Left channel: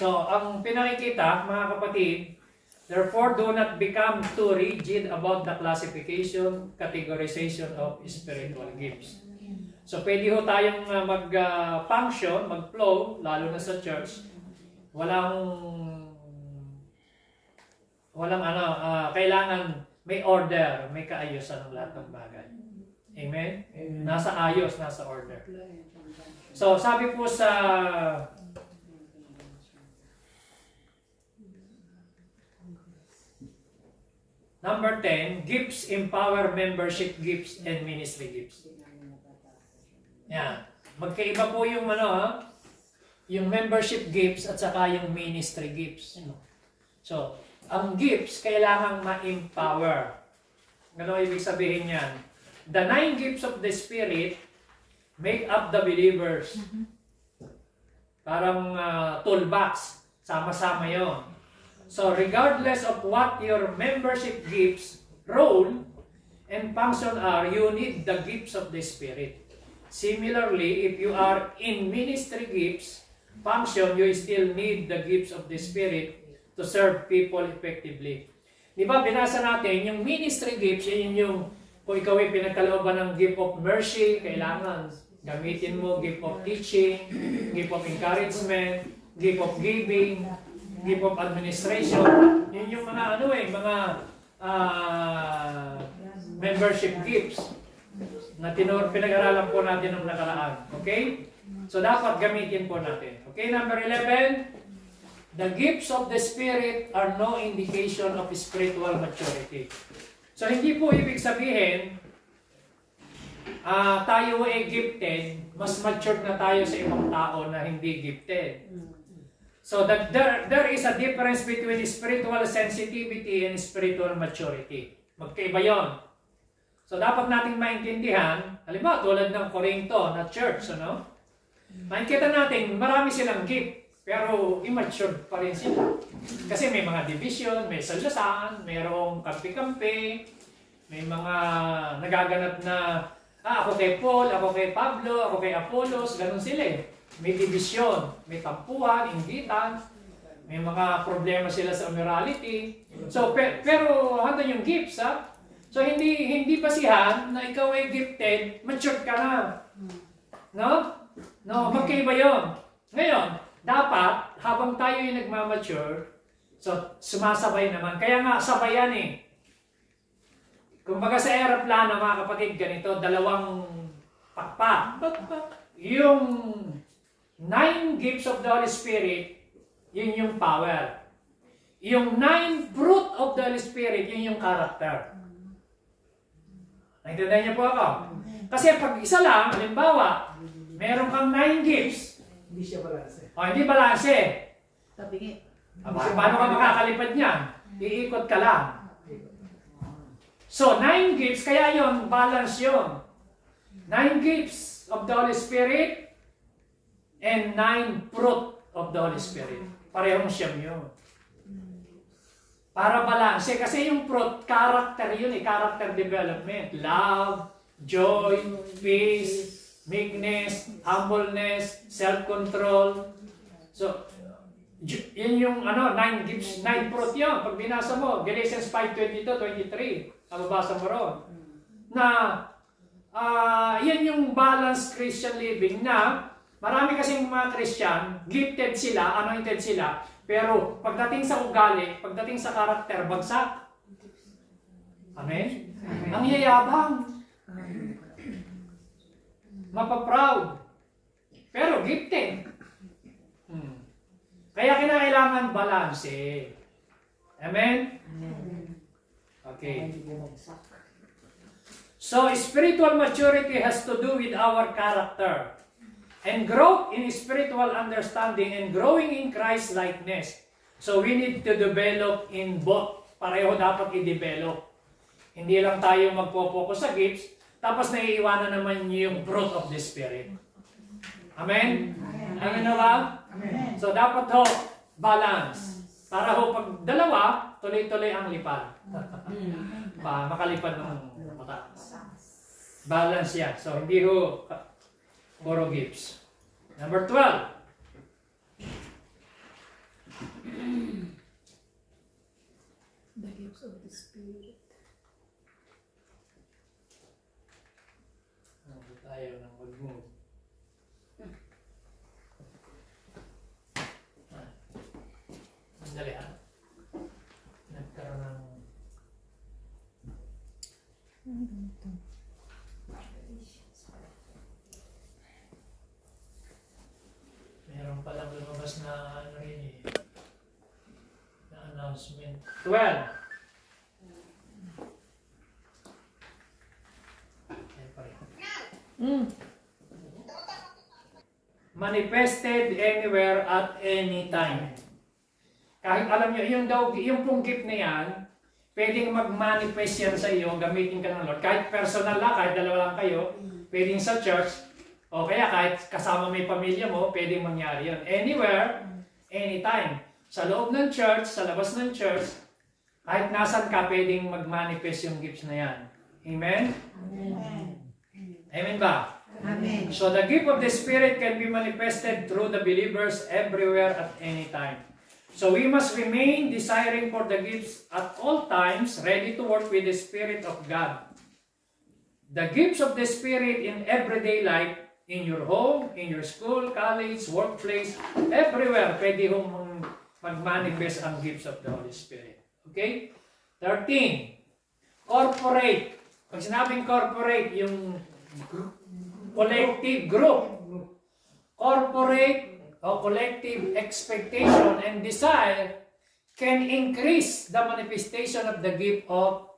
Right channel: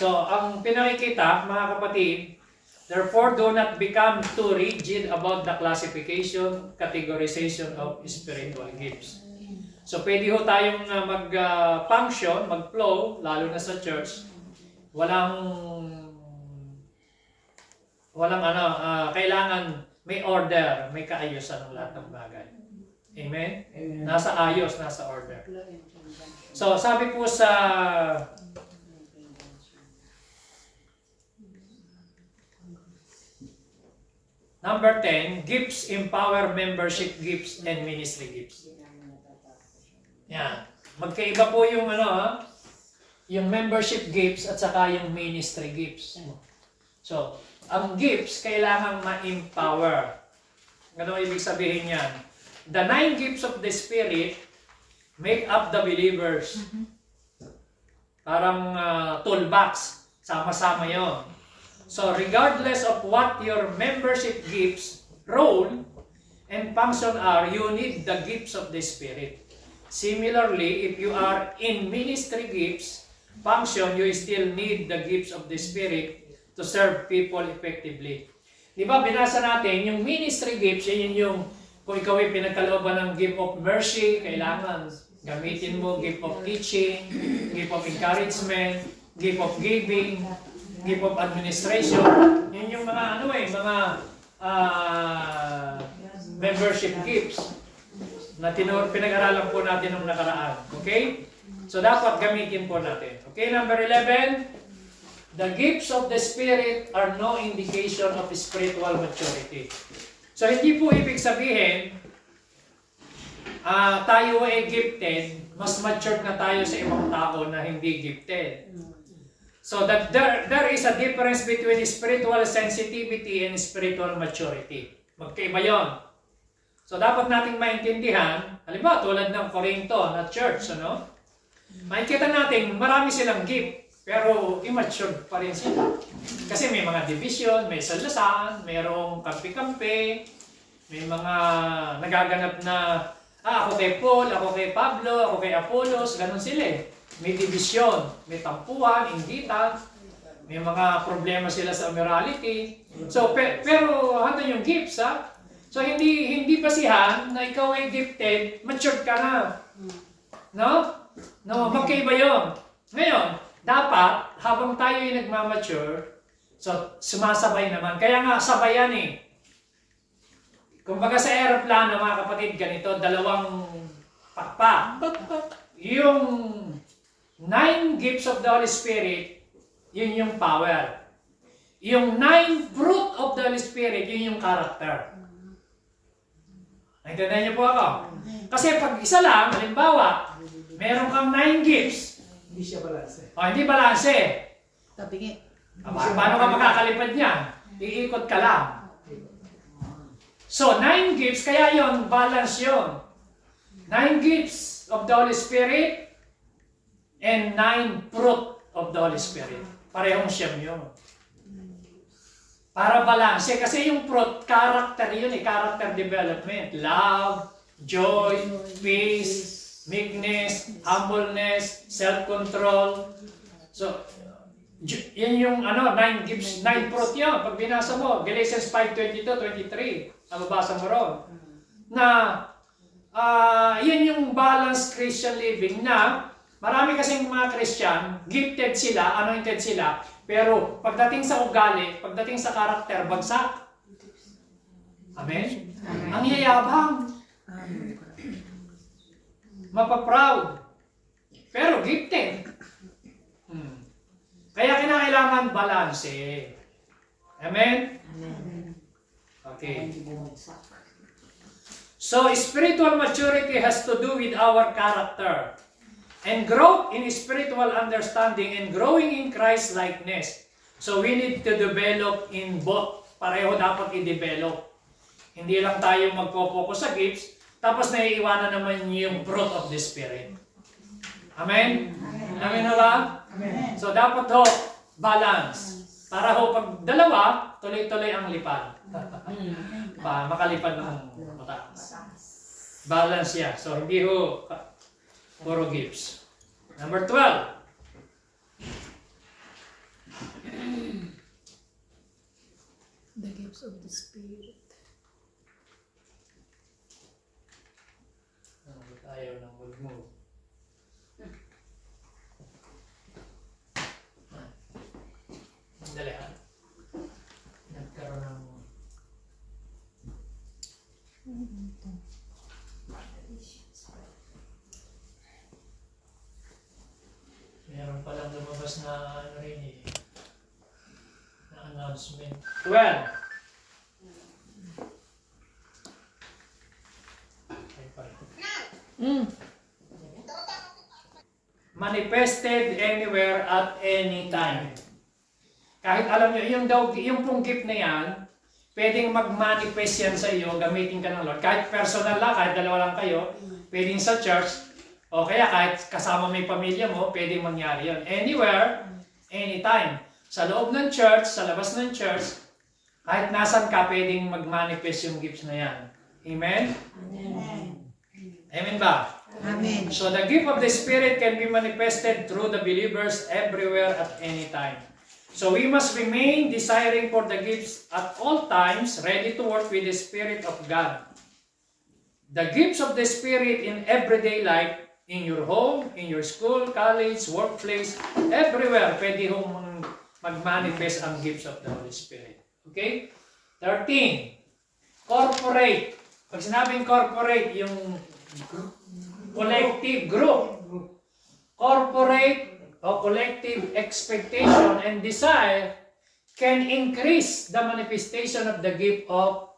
So, ang pinakikita, mga kapatid, therefore, do not become too rigid about the classification, categorization of spiritual gifts. So, pwede ho tayong mag-function, mag-flow, lalo na sa church. Kailangan may order, may kaayusan ng lahat ng bagay. Amen? Nasa ayos, nasa order. So, sabi po sa number 10, gifts empower membership gifts and ministry gifts. Yan. Magkaiba po yung yung membership gifts at saka yung ministry gifts. So, ang gifts kailangang ma-empower. Ano ibig sabihin yan? The 9 gifts of the Spirit make up the believers. Parang toolbox. Sama-sama yun. So, regardless of what your membership gifts, role, and function are, you need the gifts of the Spirit. Similarly, if you are in ministry gifts, function, you still need the gifts of the Spirit to serve people effectively. Di ba, binasa natin, yung ministry gifts, yun yung, kung ikaw ay pinagkalooban ng gift of mercy, kailangan gamitin mo, gift of teaching, gift of encouragement, gift of giving, gift of administration. Yun yung mga membership gifts na pinag-aralan po natin nung nakaraan. Okay? So dapat gamitin po natin. Okay, number 11, the gifts of the Spirit are no indication of spiritual maturity. So hindi po ibig sabihin tayo ay gifted, mas matured na tayo sa ibang tao na hindi gifted. So that there is a difference between spiritual sensitivity and spiritual maturity. Magkaiba yun. So dapat nating maintindihan, halimbawa tulad ng Corinto na church, makikita natin marami silang gift, pero immature pa rin sila. Kasi may mga division, may salasaan, mayroong kampi-kampi, may mga nagaganap na ako kay Paul, ako kay Pablo, ako kay Apollos, ganun sila eh. May division, may tampuhan, inggitan, may mga problema sila sa morality. So, pero handa yung gifts, ha? So, hindi basihan na ikaw ay gifted, matured ka na. No? No, magkaiba yun. Ngayon, dapat, habang tayo ay nagmamature, so, sumasabay naman. Kaya nga, sabay yan eh. Kumbaga sa aeroplano, mga kapatid, ganito, dalawang pakpak. Yung 9 gifts of the Holy Spirit, yun yung power. Yung 9 fruit of the Holy Spirit, yun yung character. Naintindihan niyo po ako? Kasi pag isa lang, halimbawa, meron kang 9 gifts. Hindi siya balanse. O, hindi balanse. Tabingi. Paano ka makakalipad niyan? Iikot ka lang. So, 9 gifts, kaya yon balance yon. 9 gifts of the Holy Spirit and 9 fruit of the Holy Spirit. Parehong siyam yun. Para balanse. Kasi yung fruit, character yun eh. Character development. Love, joy, peace, meekness, humbleness, self-control. So, yun yung 9 gifts, 9 fruit yun. Pag binasa mo, Galatians 5:22-23, nababasa mo ron. Na, yun yung balanced Christian living na marami kasing mga Christian, gifted sila, anointed sila, pero pagdating sa ugali, pagdating sa karakter, bagsak. Amen? Amen. Ang yayabang. Mapaproud. Pero gifted. Kaya kinakailangan balanse. Amen? Okay. So, spiritual maturity has to do with our character. And growth in spiritual understanding and growing in Christ-likeness. So, we need to develop in both. Pareho dapat i-develop. Hindi lang tayo magpo-focus sa gifts, tapos naiiwanan naman yung fruit of the Spirit. Amen? Amen na ba? Amen. So, dapat ho, balance. Para ho, pag dalawa, tuloy-tuloy ang lipad. Makalipad ng mataas. Balance yan. So, hindi ho, puro gifts. Number 12. gifts of the Spirit. Ayaw nang mag-move. Dali ha. Nagkaroon ng... Meron palang lumabas na ano rin eh. Na announcement. 12. Ay pa rin. Manifested anywhere at any time. Kahit alam nyo, yung pong gift na yan, pwedeng mag-manifest yan sa iyo, gamitin ka ng Lord. Kahit personal lang, kahit dalawa lang kayo, pwedeng sa church, o kaya kahit kasama may pamilya mo, pwedeng mangyari yun. Anywhere, anytime. Sa loob ng church, sa labas ng church, kahit nasan ka, pwedeng mag-manifest yung gifts na yan. Amen? Amen. Amen ba? Amen. So the gift of the Spirit can be manifested through the believers everywhere at any time. So we must remain desiring for the gifts at all times, ready to work with the Spirit of God. The gifts of the Spirit in everyday life, in your home, in your school, college, workplace, everywhere, pwede hong mag-manifest ang gifts of the Holy Spirit. Okay? 13. Corporate. Pag sinabing corporate, yung collective group. Corporate o collective expectation and desire can increase the manifestation of the gift of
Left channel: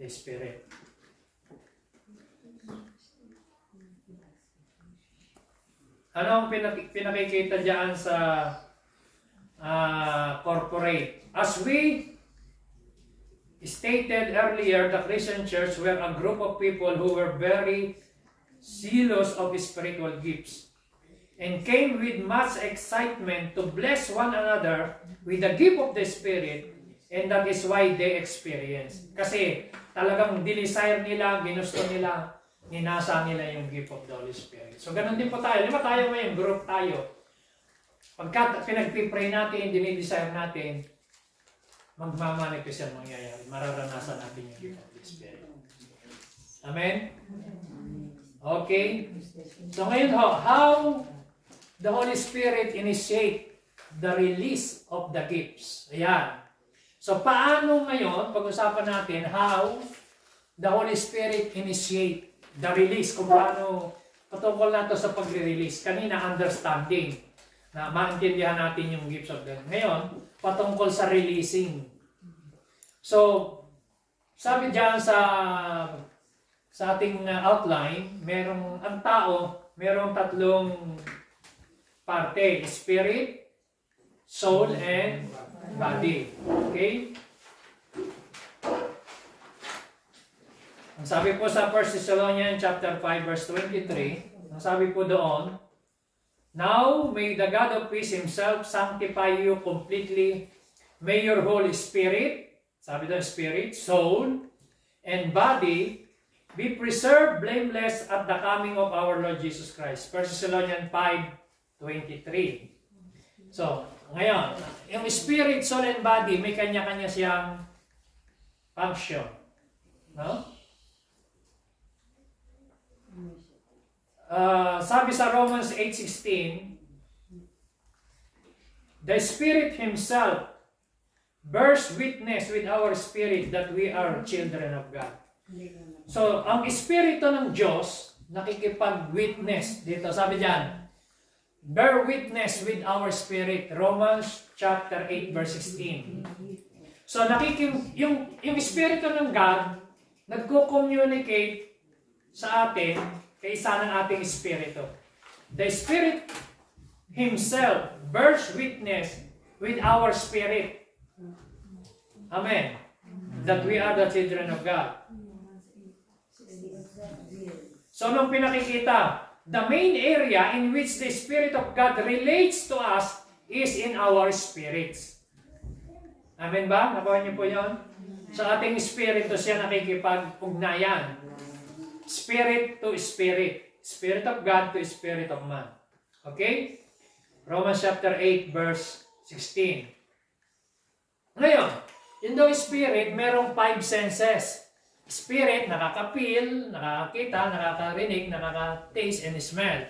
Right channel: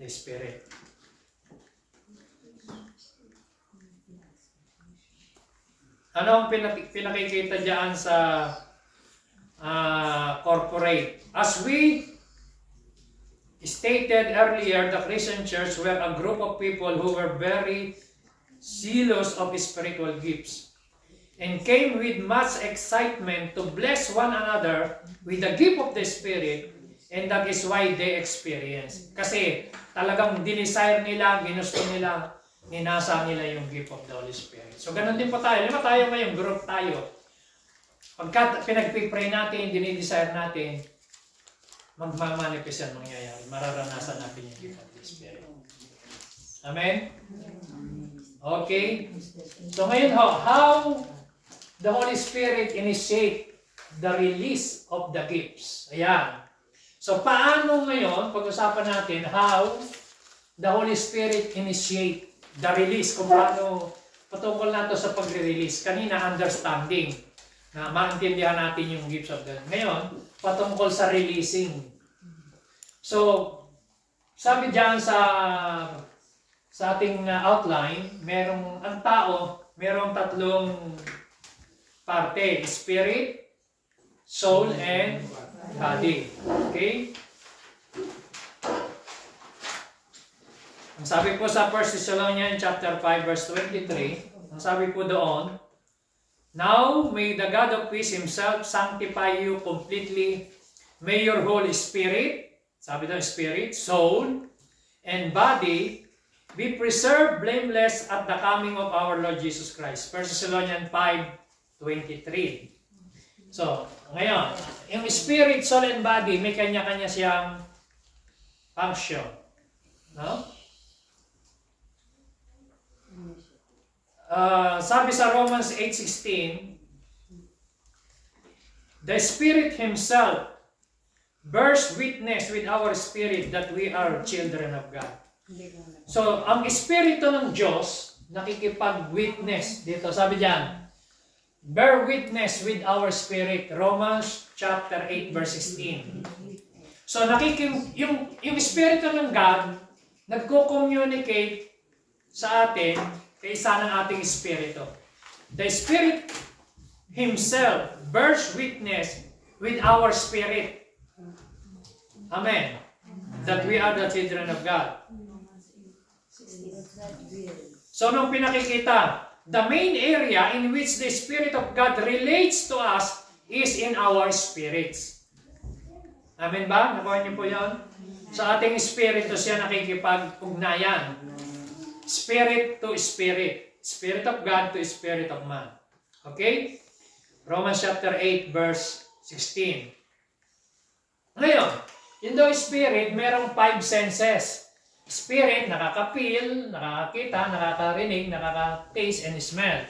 the Spirit. Ano ang pinakikita dyan sa corporate? As we stated earlier, the Christian church were a group of people who were very zealous of spiritual gifts and came with much excitement to bless one another with the gift of the Spirit, and that is why they experienced. Kasi talagang dinesire nila, ginusto nila, ninasa nila yung gift of the Holy Spirit. So ganun din po tayo. Lima tayo ngayong group tayo. Pagka pinag-pray natin, dinidesire natin, magmamanifest yan mangyayari. Mararanasan natin yung gift of the Spirit. Amen? Okay? So ngayon how the Holy Spirit initiate the release of the gifts. Ayan. So paano ngayon, pag-usapan natin how the Holy Spirit initiate the release, kung paano patungkol nato sa pagre-release. Kanina, understanding, na maintindihan natin yung gifts of God. Ngayon, patungkol sa releasing. So, sabi diyan sa ating outline, ang tao, merong tatlong parte, spirit, soul, and body. Okay? Ang sabi po sa 1 Thessalonians chapter 5 verse 23, ang sabi po doon, now may the God of peace himself sanctify you completely. May your whole spirit, sabi doon spirit, soul, and body be preserved blameless at the coming of our Lord Jesus Christ. 1 Thessalonians 5:23. So, ngayon, yung spirit, soul, and body, may kanya-kanya siyang function. No? Sabi sa Romans 8:16, the Spirit Himself bears witness with our spirit that we are children of God. So, ang Espiritu ng Diyos, nakikipag-witness dito. Sabi diyan, bear witness with our spirit. Romans chapter 8 verse 16. So, yung Espiritu ng God, nagko-communicate sa atin kaysa ng ating Espiritu. The Spirit Himself bears witness with our spirit. Amen. That we are the children of God. So, nung pinakikita, the main area in which the Spirit of God relates to us is in our spirits. Amen ba? Nakuha niyo po yan? Sa ating Espiritu siya nakikipag-ugnayan. Spirit to Spirit. Spirit of God to Spirit of man. Okay? Romans chapter 8 verse 16. Ngayon, Yung daw spirit, merong 5 senses. Spirit, nakaka-feel, nakakakita, nakakarinig, nakaka-taste, and smell.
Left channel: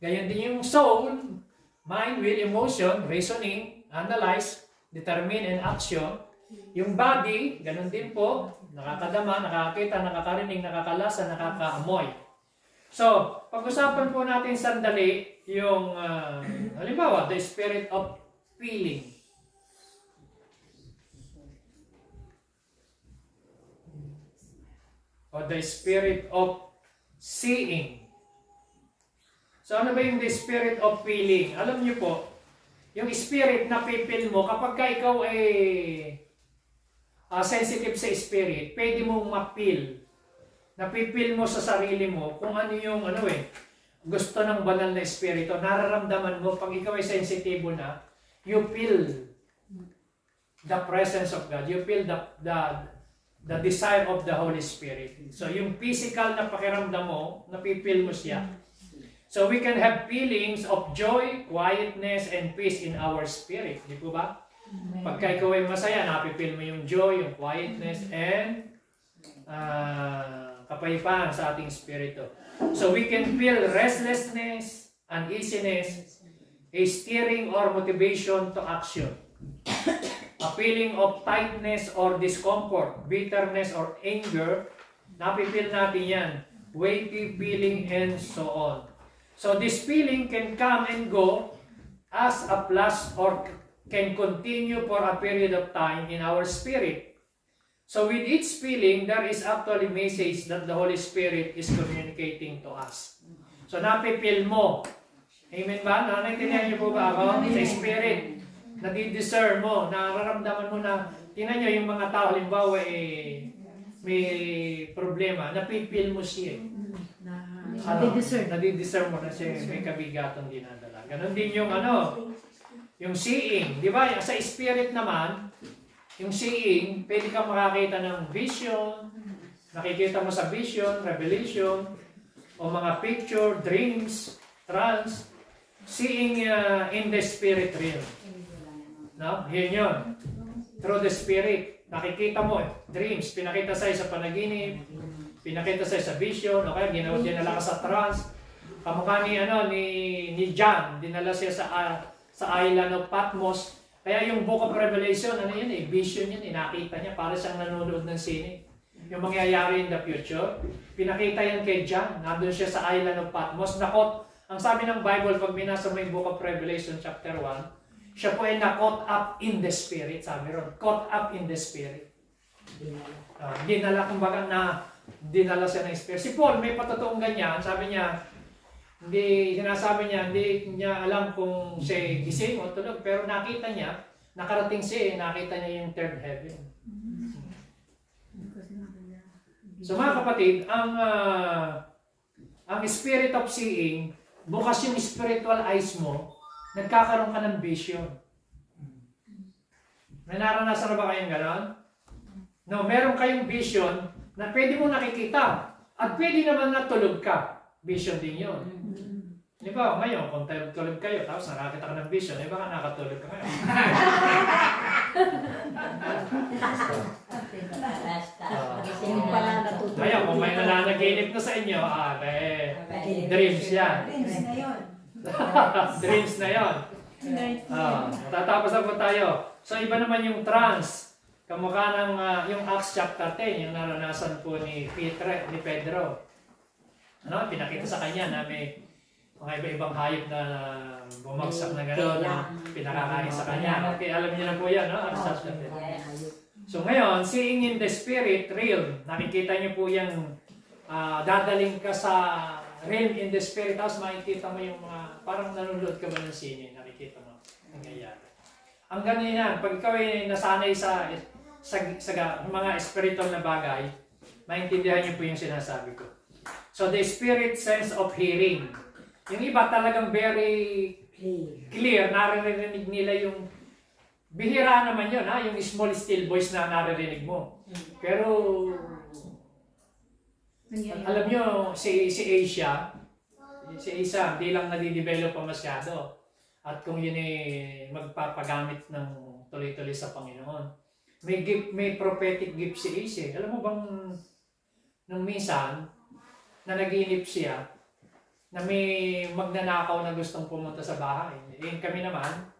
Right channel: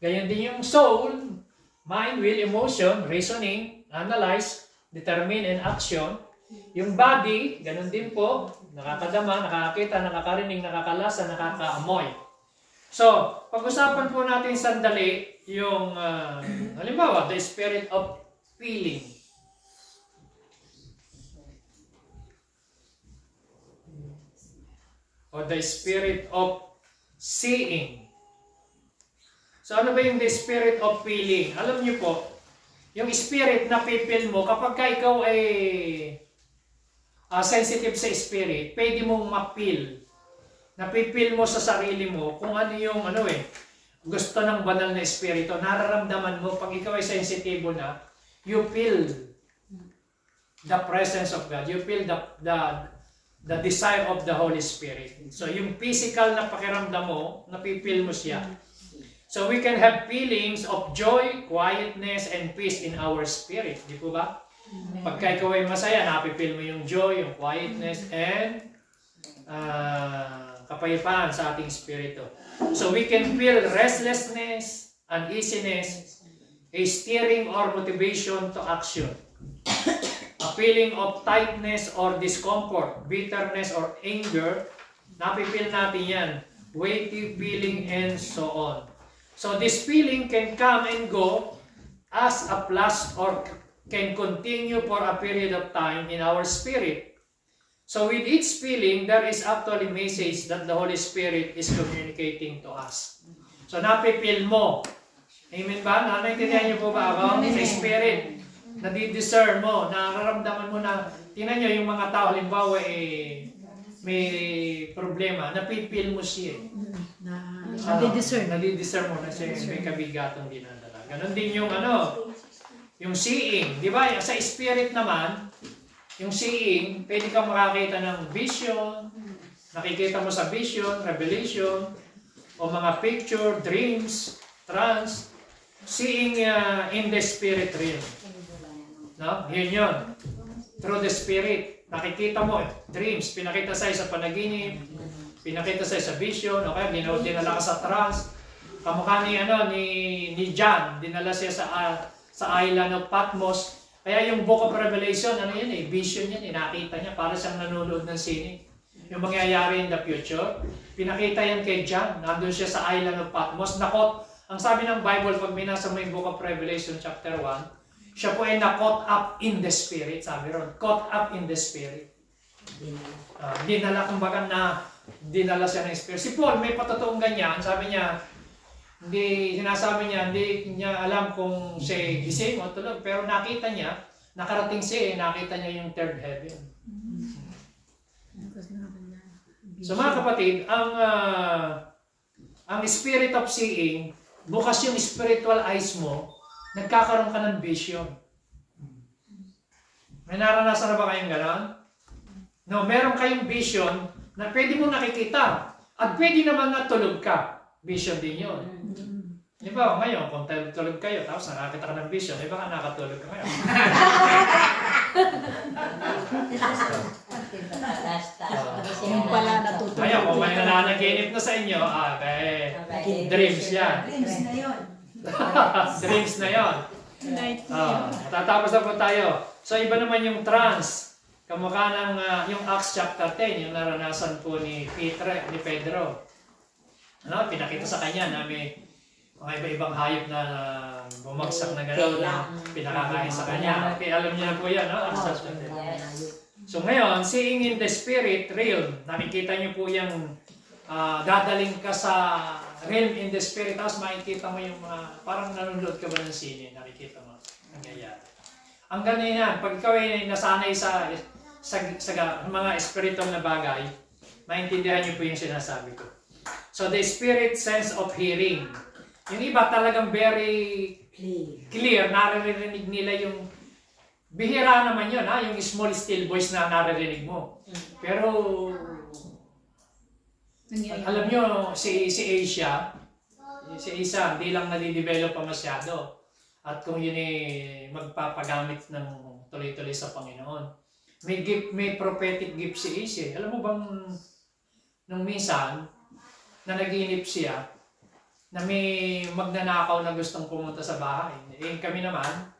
Ganyan din yung soul, mind, will, emotion, reasoning, analyze, determine, and action. Yung body, ganun din po, nakakadama, nakakakita, nakakarinig, nakakalasa, nakakaamoy. So, pag-usapan po natin sandali yung, halimbawa, the spirit of feeling. O the spirit of seeing. So ano ba yung the spirit of feeling? Alam niyo po, yung spirit na pipil mo, kapag ka ikaw ay sensitive sa spirit, pwede mong ma-feel. Napipil mo sa sarili mo kung ano yung gusto ng banal na espiritu. Nararamdaman mo, pag ikaw ay sensitibo na, you feel the presence of God. You feel the desire of the Holy Spirit. So, yung physical na pakiramdam mo, napipil mo siya. So, we can have feelings of joy, quietness, and peace in our spirit. Di po ba? Pagka ikaw ay masaya, napipil mo yung joy, yung quietness, and kapayapaan sa ating spirito. So, we can feel restlessness, uneasiness, a steering or motivation to action. A feeling of tightness or discomfort, bitterness or anger, napipil natin yan. Weighty feeling and so on. So this feeling can come and go as a flash or can continue for a period of time in our spirit. So with each feeling, there is actually a message that the Holy Spirit is communicating to us. So napipil mo. Amen ba? Naintindihan niyo po ba ako? Sa spirit. Nadidiscern mo, nararamdaman mo na, tingnan nyo yung mga tao, halimbawa may problema, napipil mo siya. Nadidiscern mo na siya, may kabigatong dinadala. Ganon din yung yung seeing. Di ba? Sa spirit naman, yung seeing, pwede kang makakita ng vision, nakikita mo sa vision, revelation, o mga picture, dreams, trance, seeing in the spirit realm. No? Yun. Through the Spirit. Nakikita mo, dreams, pinakita sa'yo sa panaginip, pinakita sa'yo sa vision, okay? Dinala ka sa trance. Kamukha ni John, dinala siya sa island of Patmos. Kaya yung Book of Revelation, vision yan, nakita niya, para siyang nanonood ng sine. Yung mangyayari in the future, pinakita yan kay John, nandun siya sa island of Patmos. Ang sabi ng Bible, pag binasa mo yung Book of Revelation chapter 1, siya po ay na-caught up in the Spirit, sabi ron. Caught up in the Spirit. Dinala, kumbaga dinala siya ng Spirit. Si Paul, may patotoong ganyan. Sabi niya, sinasabi niya, hindi niya alam kung siya gising o tulog. Pero nakita niya, nakarating siya, nakita niya yung third heaven. So mga kapatid, ang spirit of seeing, bukas yung spiritual eyes mo, nagkakaroon ka ng vision. May naranasan na ba kayong gano'n? No, meron kayong vision na pwede mo nakikita. At pwede naman natulog ka. Vision din yun. Di ba? Ngayon, kung tulog kayo, tapos nakakita ka ng vision, di ba ka nakatulog ka ngayon? Ngayon, kung may nananaginip na sa inyo, dreams yan. Dreams na yun. Dreams na yun. Tatapos na po tayo. So iba naman yung trance. Kamukha ng yung Acts chapter 10, yung naranasan po ni Pedro. Pinakita sa kanya na may mga iba-ibang hayop na bumagsak na gano'n na pinakakain sa kanya. Okay, alam niyo na po yan, no? Acts chapter 10. So ngayon, seeing in the spirit realm, nakikita niyo po yung dadaling ka sa realm in the spirit, tapos makikita mo yung mga, parang nanonood ka ba ng sine, nakikita mo, nangyayari. Ang ganyan yan, pag ikaw ay nasanay sa mga spiritual na bagay, maintindihan niyo po yung sinasabi ko. So the spirit sense of hearing. Yung iba talagang very clear, naririnig nila yung, bihira naman yun, yung small still voice na naririnig mo. Pero alam nyo, si Asia, hindi lang nadidevelop pa masyado. At kung yun magpapagamit ng tuloy-tuloy sa Panginoon. may prophetic gift si Ace. Alam mo bang nung minsan na naginip siya na may magnanakaw na gustong pumunta sa bahay. Eh, kami naman,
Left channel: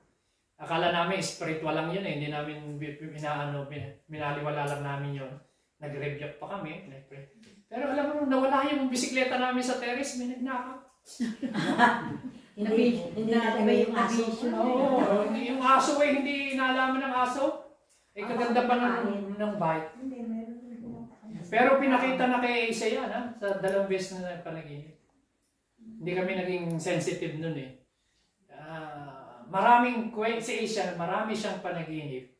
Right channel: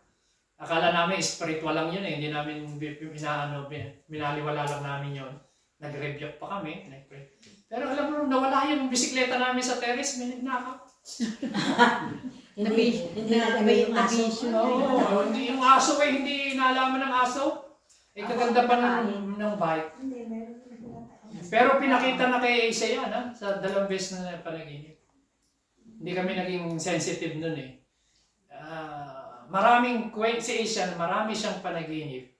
akala namin spiritual lang yun eh. Hindi namin minaliwala lang namin yun. Nag-rebuke pa kami. Pero alam mo, nawala yun. Yung bisikleta namin sa terrace, may nagnakaw. Hindi yung aso. Oo, yung aso eh, hindi nalaman ng aso. Eh, kaganda pa ng bike. Pero pinakita na kay Ace yan, ha? Sa 2 beses na panaginip. Hindi kami naging sensitive nun eh. Maraming si Ace, marami siyang panaginip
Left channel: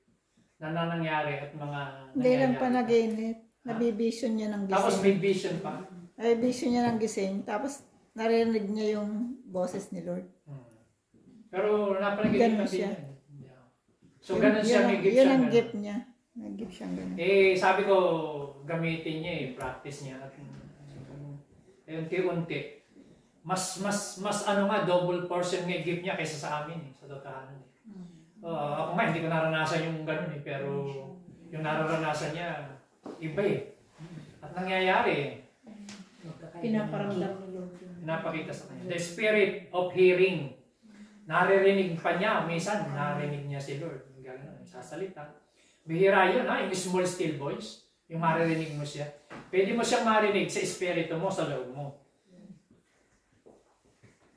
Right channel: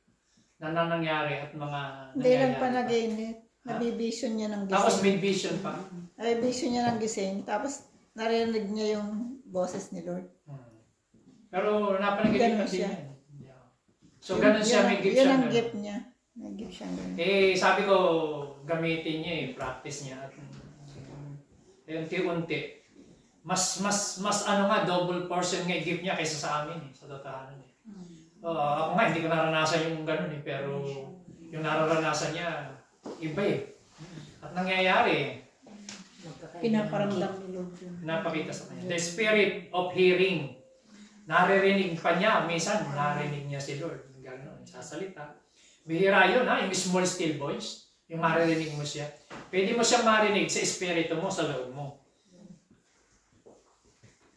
na nangyari at mga Hindi lang panaginip. Nabivision niya ng gising. Tapos may vision pa. Ay, vision niya ng gising. Tapos narinig niya yung boses ni Lord. Pero napanaginip Ganun din siya. yan. So ganun siya, may gift Yun siya. ang gift niya. May gift siya ganun. Eh, sabi ko, gamitin niya eh, practice niya. At unti-unti. Mas ano nga, double portion nga gift niya kaysa sa amin eh, sa totohanan eh. Ako nga, hindi ko naranasan yung ganun eh, pero yung nararanasan niya, iba eh. At nangyayari eh. Pinaparamdam mo. Pinapakita sa kanya. The spirit of hearing. Naririnig pa niya, minsan narinig niya si Lord. Gano'n, sasalita. Bihira yun ha, yung small still voice. Yung maririnig mo siya. Pwede mo siyang marinig sa espiritu mo, sa loob mo.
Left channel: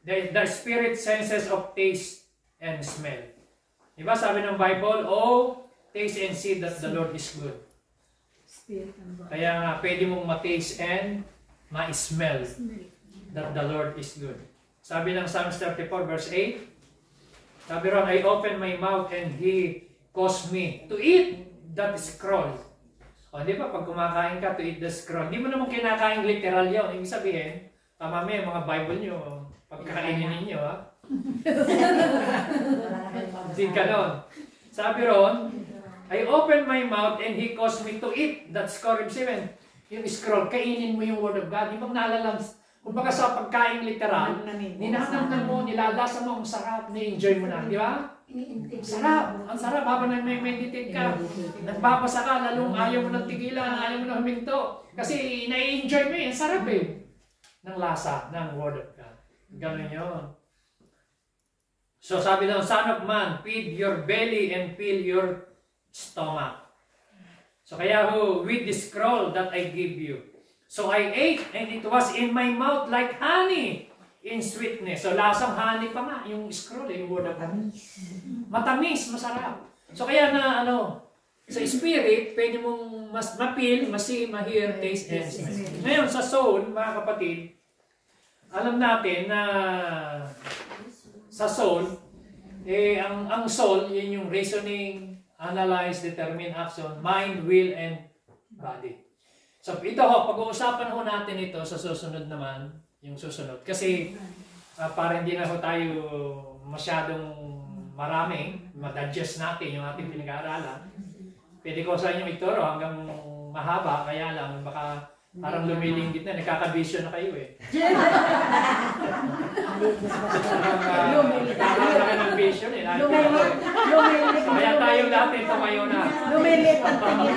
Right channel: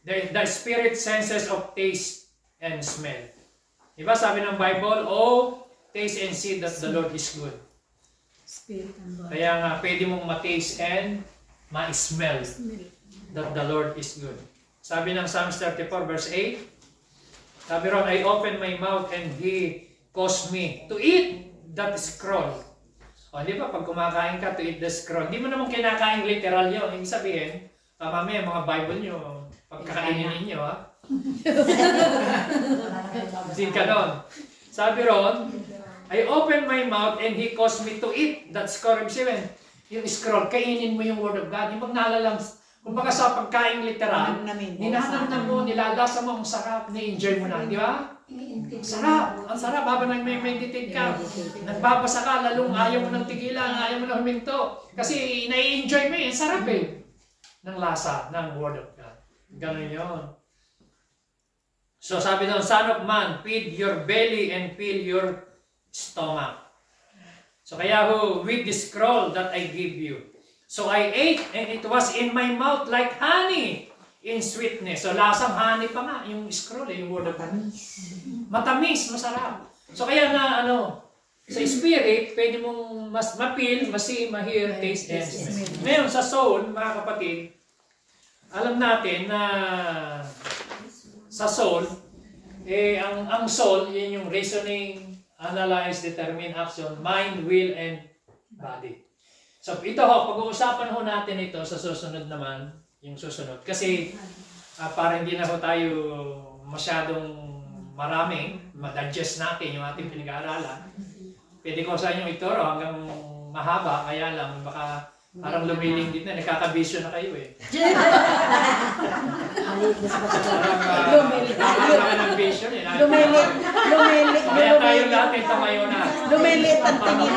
The spirit senses of taste and smell. Diba sabi ng Bible, oh, taste and see that the Lord is good. Spirit and body. Kaya nga, pwede mong ma-taste and ma-smell that the Lord is good. Sabi ng Psalms 34 verse 8, sabi ron, I opened my mouth and He caused me to eat that scroll. O, di ba, pag kumakain ka, to eat the scroll. Hindi mo naman kinakain literal yun. Ibig sabihin, mamaya mga Bible nyo, pagkakainin ninyo, ha? Hindi ka nun. Sabi ron, I opened my mouth and He caused me to eat that scroll. Ibig sabihin, yung scroll, kainin mo yung Word of God. Yung magnalalang, kumbaga sa pagkain literal, ninanamnan mo, nilalasa mo, ang sarap, ni-enjoy mo na, di ba? Sarap, ang sarap, habang nag-meditate ka, nagbabasa ka, lalong ayaw mo ng tigilan, ayaw mo na huminto. Kasi na-enjoy mo eh, sarap eh, ng lasa, ng Word of God. Ganun yun. So sabi ng Son of Man, feed your belly and fill your stomach. So kaya with the scroll that I give you. So I ate and it was in my mouth like honey in sweetness. So lasang honey pa nga yung scroll, yung Word of God. Matamis, masarap. So kaya na sa spirit, pwede mong ma-feel, ma-see, ma-hear, taste, and smell. Ngayon sa soul, mga kapatid, alam natin na sa soul, ang soul, yun yung reasoning, analyze, determine, action, mind, will, and body. So ito pag-uusapan natin ito sa susunod naman, yung susunod. Kasi para hindi na tayo masyadong marami, ma-digest natin yung ating pinag-aaralan. Pwede ko sa inyo ituro hanggang mahaba, kaya lang baka parang lumilingit na, nagkakabisyo na kayo eh. Parang vision eh. Lumilit. Kaya tayo dati ito ngayon na. Lumilit ang tingin.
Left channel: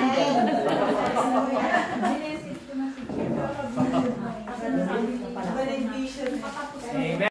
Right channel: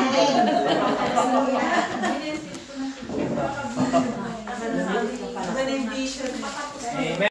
Amen.